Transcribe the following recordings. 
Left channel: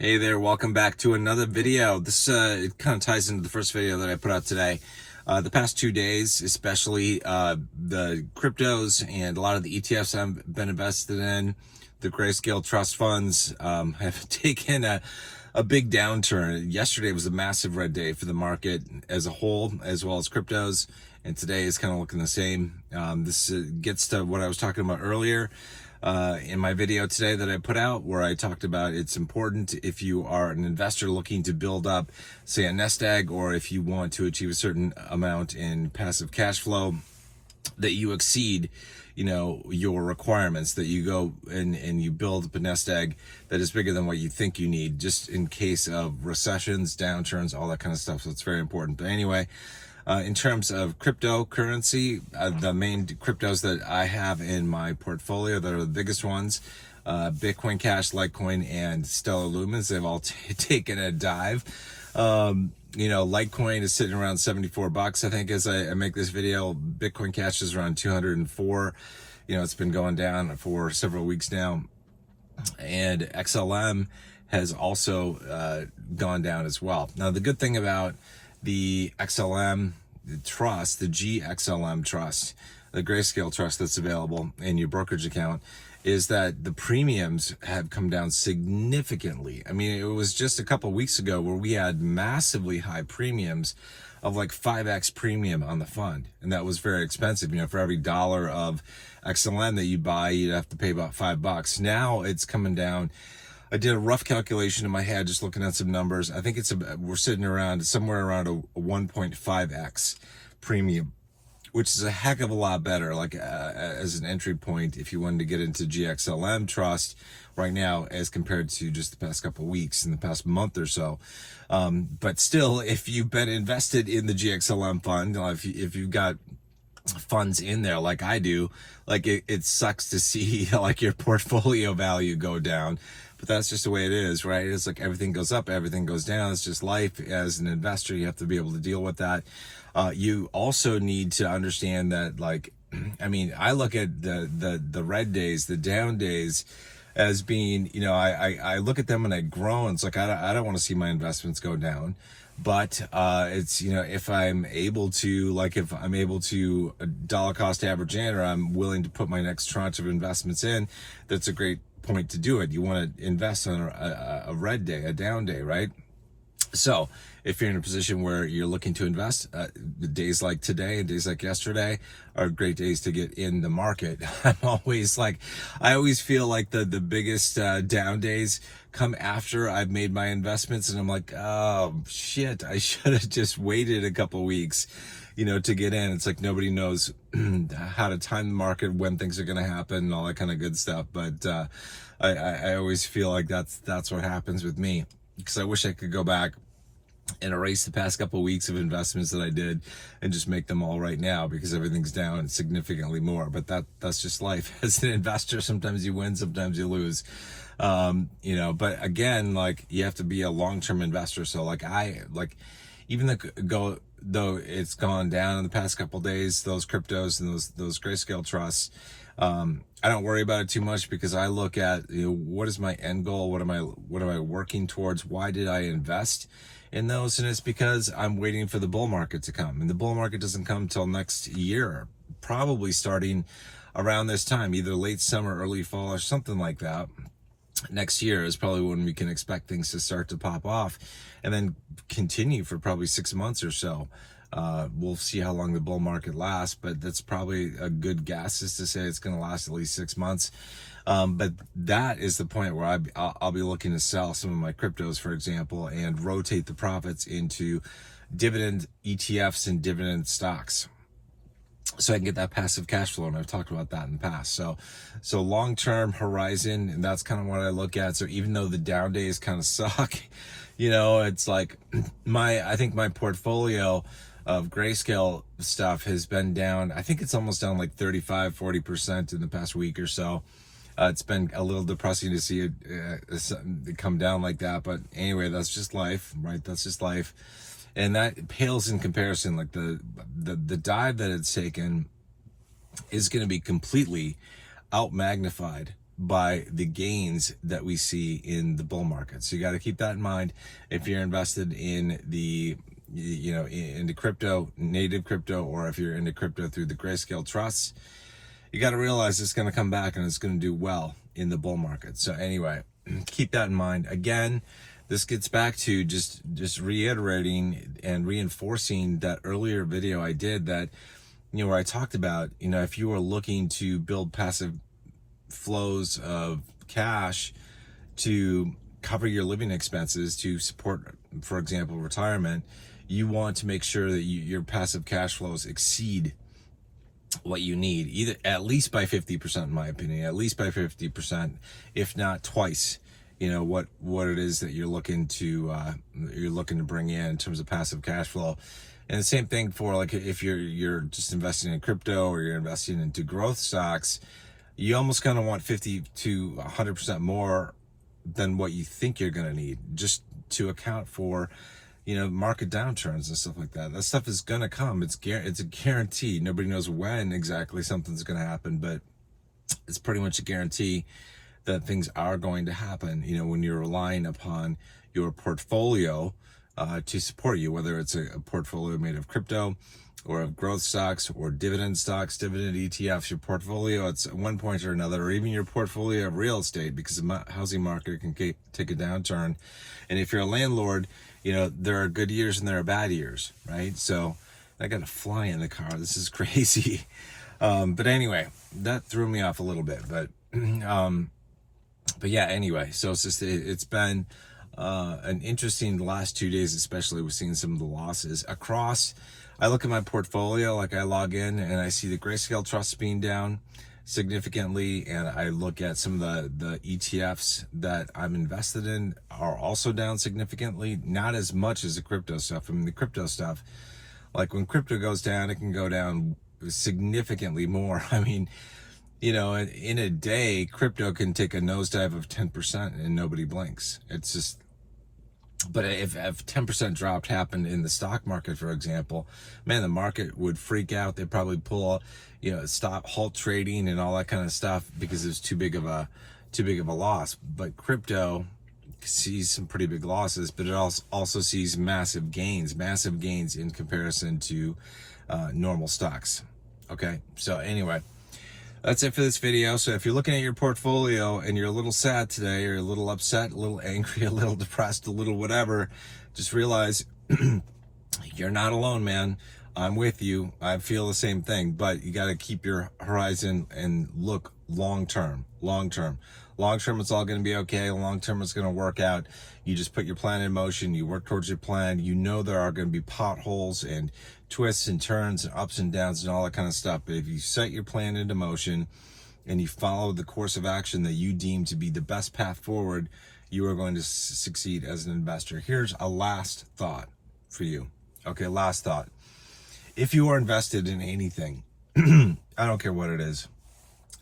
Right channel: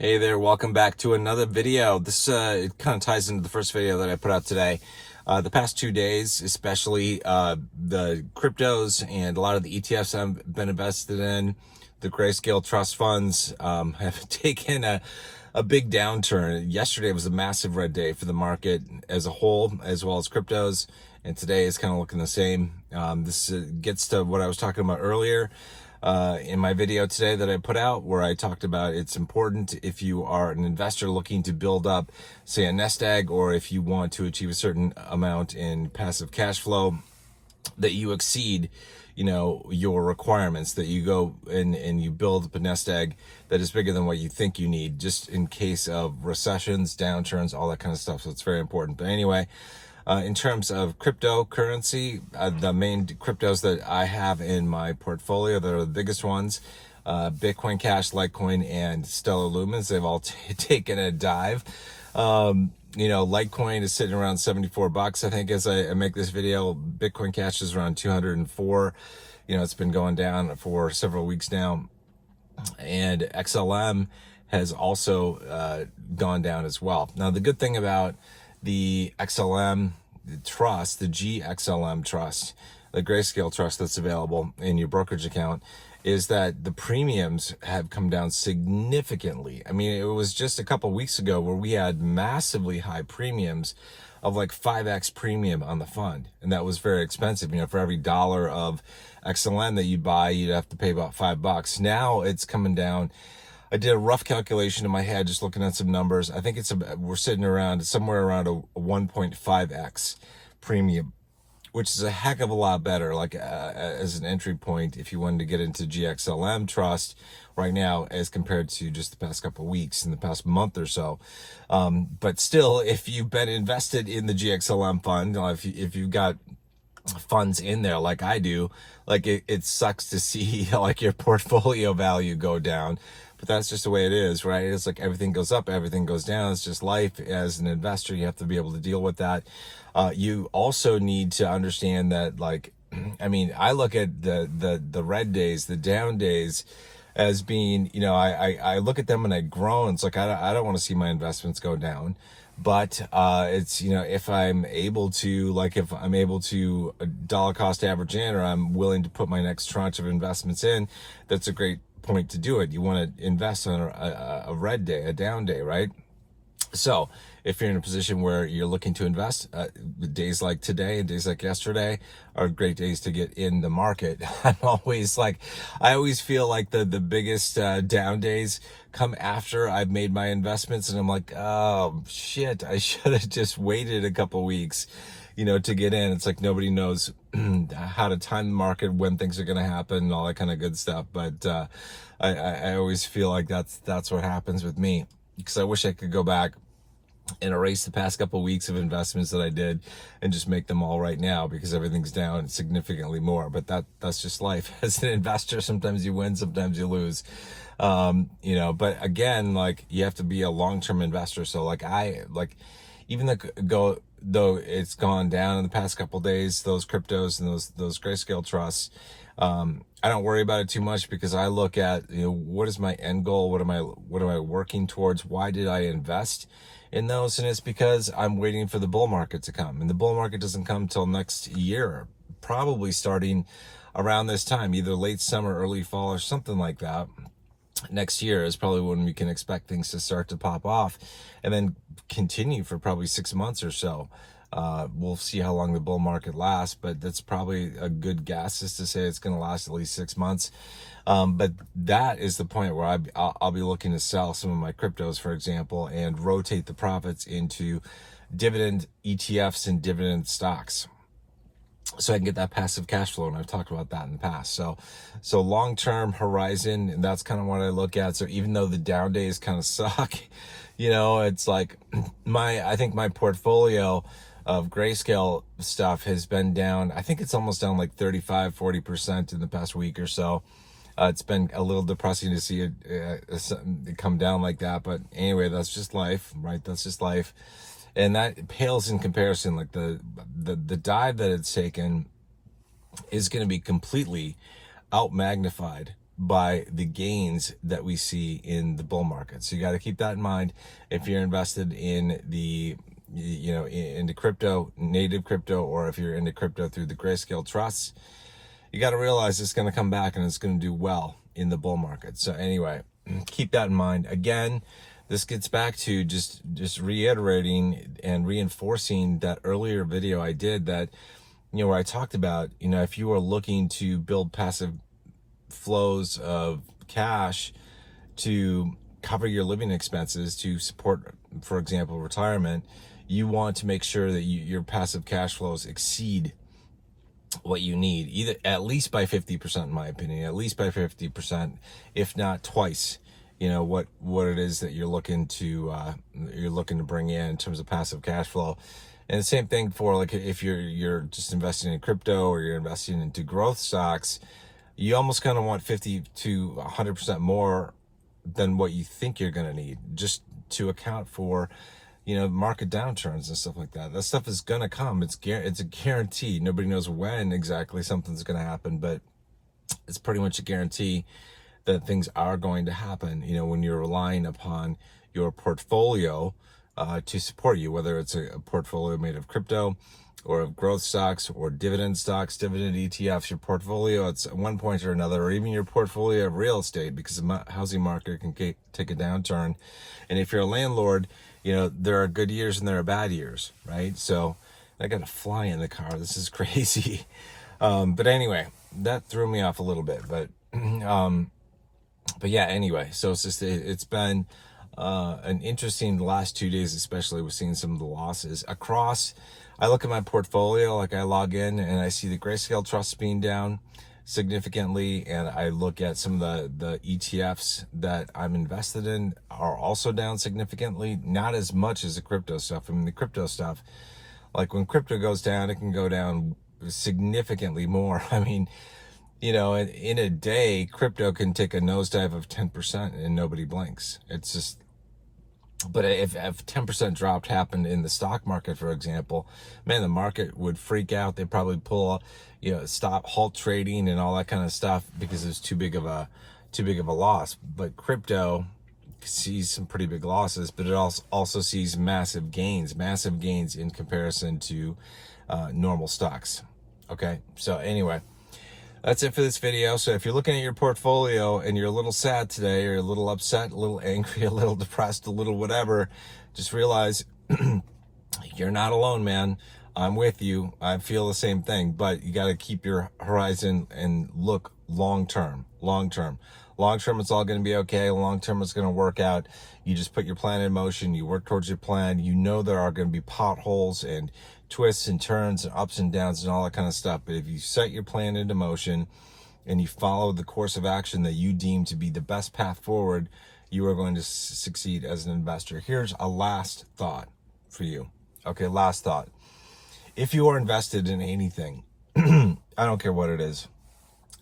Hey there, welcome back to another video. This it kind of ties into the first video that I put out today. The past 2 days, especially the cryptos and a lot of the ETFs I've been invested in, the Grayscale trust funds have taken a big downturn. Yesterday was a massive red day for the market as a whole, as well as cryptos, and today is kind of looking the same. This gets to what I was talking about earlier in my video today that I put out, where I talked about it's important if you are an investor looking to build up, say, a nest egg, or if you want to achieve a certain amount in passive cash flow, that you exceed, your requirements, that you go and you build up a nest egg that is bigger than what you think you need, just in case of recessions, downturns, all that kind of stuff. So it's very important. But anyway, in terms of cryptocurrency, the main cryptos that I have in my portfolio that are the biggest ones, Bitcoin Cash, Litecoin, and Stellar Lumens, they've all taken a dive. Litecoin is sitting around $74, I think, as I make this video. Bitcoin Cash is around 204. It's been going down for several weeks now. And XLM has also gone down as well. Now, the good thing about the XLM trust, the GXLM trust, the Grayscale trust that's available in your brokerage account, is that the premiums have come down significantly. I mean, it was just a couple weeks ago where we had massively high premiums of like 5x premium on the fund, and that was very expensive. For every dollar of XLM that you buy, you'd have to pay about $5. Now it's coming down. I did a rough calculation in my head, just looking at some numbers. I think we're sitting around somewhere around a 1.5x premium, which is a heck of a lot better, like as an entry point if you wanted to get into GXLM trust right now, as compared to just the past couple of weeks, in the past month or so. But still, if you've been invested in the GXLM fund, if you've got funds in there like I do, like it sucks to see like your portfolio value go down. But that's just the way it is, right? It's like everything goes up, everything goes down. It's just life. As an investor, you have to be able to deal with that. You also need to understand that, like, I look at the red days, the down days, as being, I look at them and I groan. It's like, I don't want to see my investments go down. But it's, if I'm able to dollar cost average in, or I'm willing to put my next tranche of investments in, that's a great point to do it. You want to invest on a red day, a down day, right? So if you're in a position where you're looking to invest, days like today and days like yesterday are great days to get in the market. I always feel like the biggest down days come after I've made my investments, and I'm like, oh shit, I should have just waited a couple weeks, to get in. It's like nobody knows how to time the market, when things are going to happen, and all that kind of good stuff. But I always feel like that's what happens with me, because I wish I could go back and erase the past couple of weeks of investments that I did and just make them all right now, because everything's down significantly more. But that's just life. As an investor, sometimes you win, sometimes you lose. But again, like, you have to be a long-term investor. So even though it's gone down in the past couple of days, those cryptos and those Grayscale trusts, I don't worry about it too much, because I look at, what is my end goal? What am I working towards? Why did I invest in those? And it's because I'm waiting for the bull market to come, and the bull market doesn't come till next year, probably starting around this time, either late summer, early fall, or something like that. Next year is probably when we can expect things to start to pop off, and then continue for probably 6 months or so. We'll see how long the bull market lasts, but that's probably a good guess, is to say it's going to last at least 6 months. But that is the point where I'll be looking to sell some of my cryptos, for example, and rotate the profits into dividend ETFs and dividend stocks, so I can get that passive cash flow. And I've talked about that in the past. So long-term horizon, and that's kind of what I look at. So even though the down days kind of suck, it's like I think my portfolio of Grayscale stuff has been down. I think it's almost down like 35-40% in the past week or so. It's been a little depressing to see it come down like that. But anyway, that's just life, right? That's just life. And that pales in comparison. Like the dive that it's taken is going to be completely out magnified by the gains that we see in the bull market. So you got to keep that in mind if you're invested in the, into crypto, native crypto, or if you're into crypto through the Grayscale trusts. You got to realize it's going to come back and it's going to do well in the bull market. So anyway, keep that in mind. Again, this gets back to just reiterating and reinforcing that earlier video I did that, where I talked about, if you are looking to build passive flows of cash to cover your living expenses, to support, for example, retirement, you want to make sure that your passive cash flows exceed what you need, either at least by 50%, in my opinion, at least by 50%, if not twice, what it is that you're looking to bring in terms of passive cash flow. And the same thing for, like, if you're just investing in crypto or you're investing into growth stocks, you almost kind of want 50 to 100% more than what you think you're going to need, just to account for, market downturns and stuff like that. That stuff is going to come. It's a guarantee. Nobody knows when exactly something's going to happen, but it's pretty much a guarantee that things are going to happen, when you're relying upon your portfolio to support you, whether it's a portfolio made of crypto or of growth stocks or dividend stocks, dividend ETFs, your portfolio at one point or another, or even your portfolio of real estate, because the housing market can take a downturn. And if you're a landlord, there are good years and there are bad years, right? So I got a fly in the car. This is crazy. But anyway, that threw me off a little bit, but yeah, anyway, so it's been an interesting last 2 days, especially with seeing some of the losses across. I look at my portfolio, like I log in and I see the Grayscale Trust being down significantly, and I look at some of the ETFs that I'm invested in are also down significantly, not as much as the crypto stuff. I mean, the crypto stuff, like when crypto goes down, it can go down significantly more. I mean, in a day, crypto can take a nosedive of 10% and nobody blinks. It's just, but if 10% drop happened in the stock market, for example, man, the market would freak out. They'd probably pull, halt trading and all that kind of stuff because it's too big of a loss. But crypto sees some pretty big losses, but it also sees massive gains in comparison to normal stocks. Okay, so anyway, that's it for this video. So if you're looking at your portfolio and you're a little sad today, or a little upset, a little angry, a little depressed, a little whatever, just realize you're not alone, man. I'm with you. I feel the same thing, but you got to keep your horizon and look long term. It's all going to be okay. Long term, it's going to work out. You just put your plan in motion. You work towards your plan. There are going to be potholes and twists and turns and ups and downs and all that kind of stuff. But if you set your plan into motion and you follow the course of action that you deem to be the best path forward, you are going to succeed as an investor. Here's a last thought for you. Okay, last thought. If you are invested in anything, I don't care what it is,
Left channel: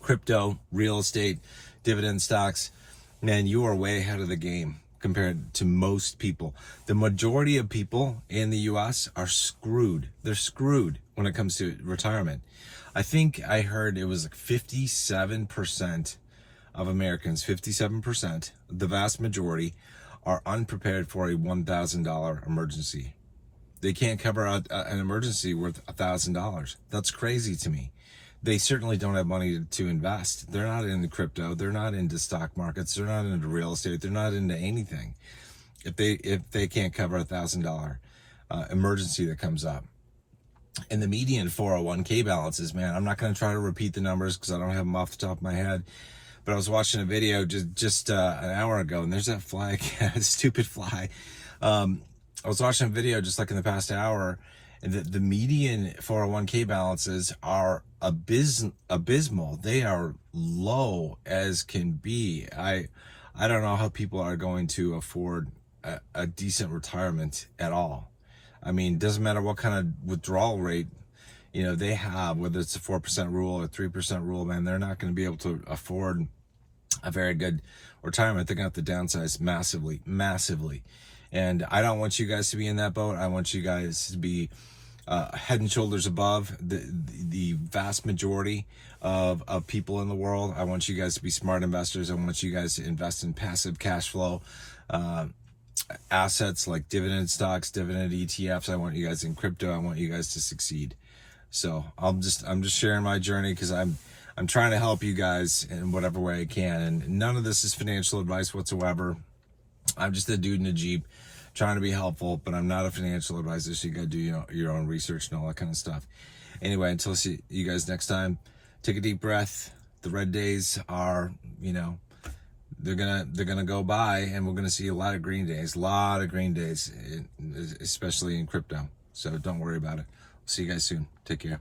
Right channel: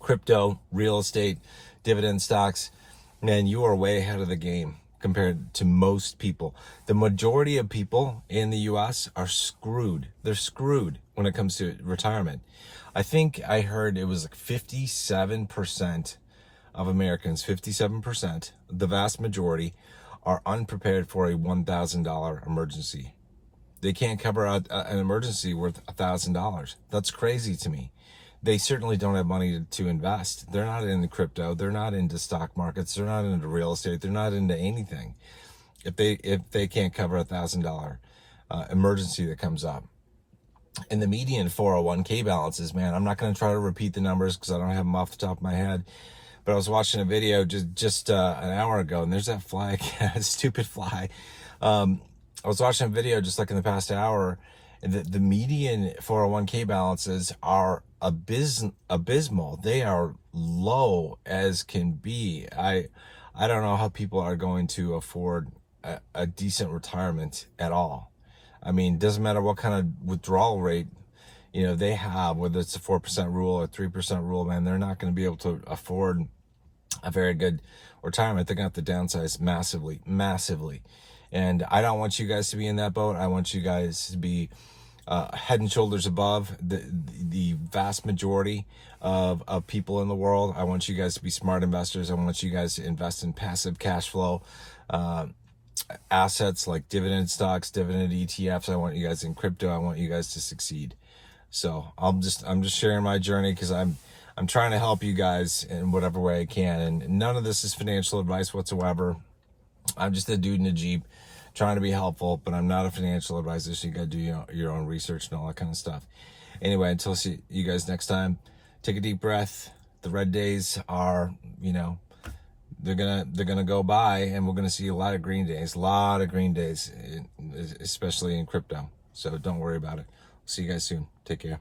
crypto, real estate, dividend stocks, man, you are way ahead of the game compared to most people. The majority of people in the US are screwed. They're screwed when it comes to retirement. I think I heard it was like 57% of Americans, 57%, the vast majority, are unprepared for a $1,000 emergency. They can't cover an emergency worth $1,000. That's crazy to me. They certainly don't have money to invest. They're not into crypto. They're not into stock markets. They're not into real estate. They're not into anything if they can't cover $1,000 emergency that comes up. And the median 401k balances, man, I'm not going to try to repeat the numbers because I don't have them off the top of my head. But I was watching a video just an hour ago, and there's that fly again, stupid fly. I was watching a video just like in the past hour, and the median 401k balances are abysmal. They are low as can be. I don't know how people are going to afford a decent retirement at all. I mean, doesn't matter what kind of withdrawal rate they have, whether it's a 4% rule or 3% rule, man, they're not going to be able to afford a very good retirement. They're going to have to downsize massively. And I don't want you guys to be in that boat. I want you guys to be head and shoulders above the vast majority of people in the world. I want you guys to be smart investors. I want you guys to invest in passive cash flow assets like dividend stocks, dividend ETFs. I want you guys in crypto. I want you guys to succeed. So I'm just sharing my journey because I'm trying to help you guys in whatever way I can. And none of this is financial advice whatsoever. I'm just a dude in a Jeep trying to be helpful, but I'm not a financial advisor, so you got to do your own research and all that kind of stuff. Anyway, until see you guys next time, take a deep breath. The red days are, they're gonna go by, and we're gonna see a lot of green days, especially in crypto. So don't worry about it. See you guys soon. Take care.